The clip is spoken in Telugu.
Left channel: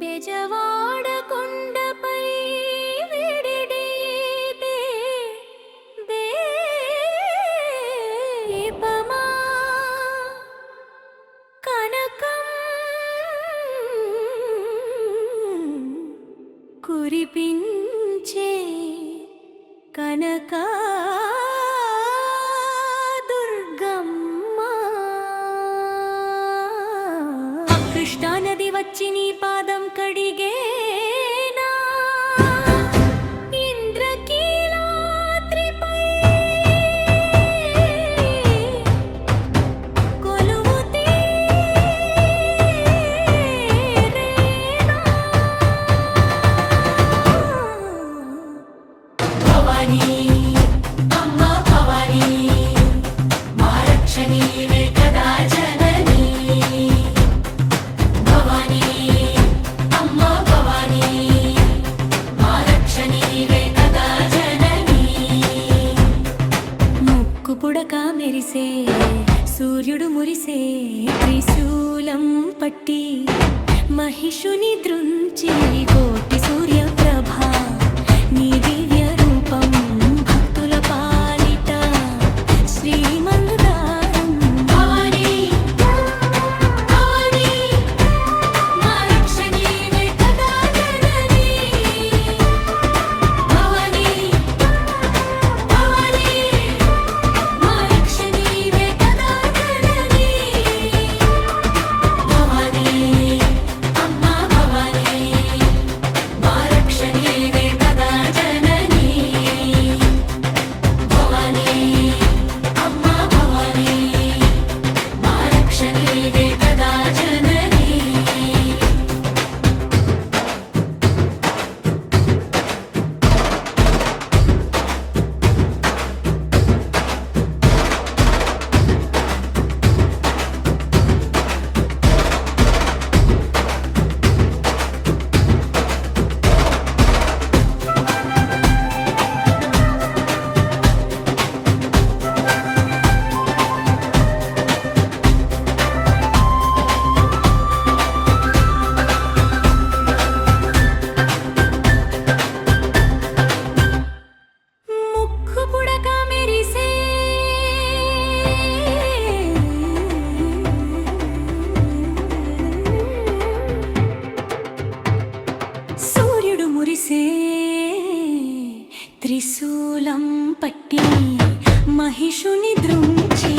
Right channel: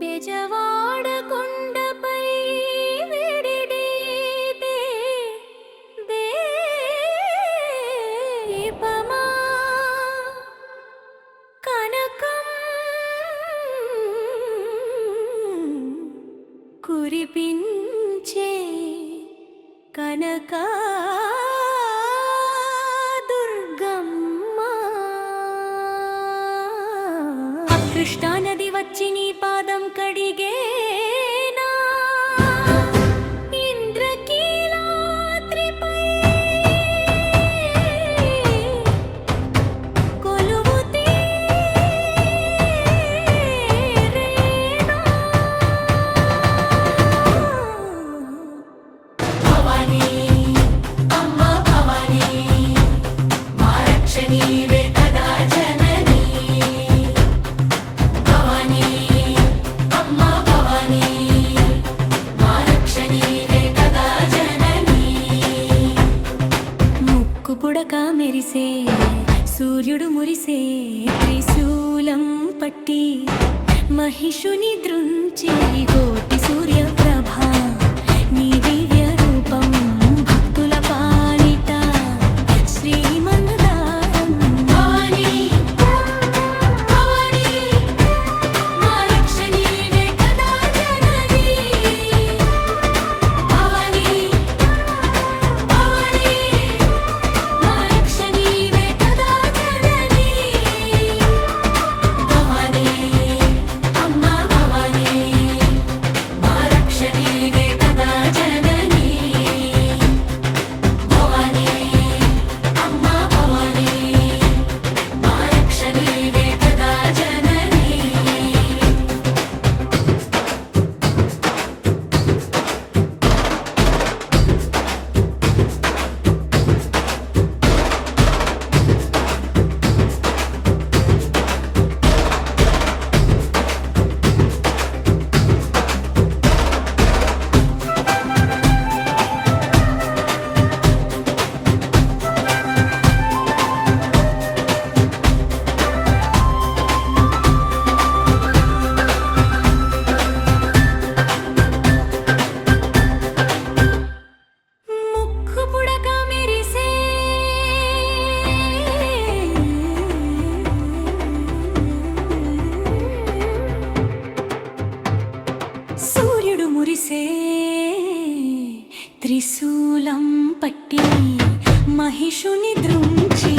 బెజవాడ కొండపై విడిడితే దీపమా కనకం కురిపించే కనకా కృష్ణా నది వచ్చి నీ పాదం కడిగేనా ఇంద్రకీలాద్రిపై కొలువు తీరేనా భవానీ అమ్మ భవానీ మా రక్ష నీవే కదా జననీ పుడక మెరిసే సూర్యుడు మురిసే త్రిశూలం పట్టి మహిషుని దృంచి కోటి సూర్యప్రభ నీ దివ్య రూపం భక్తుల పాలిట శ్రీమందారం భవానీ భవానీ మా రక్ష నీవే కదా జననీ భవానీ భవానీ సూర్యుడు మురిసే త్రిశూలం పట్టి మహిషుని దృంచి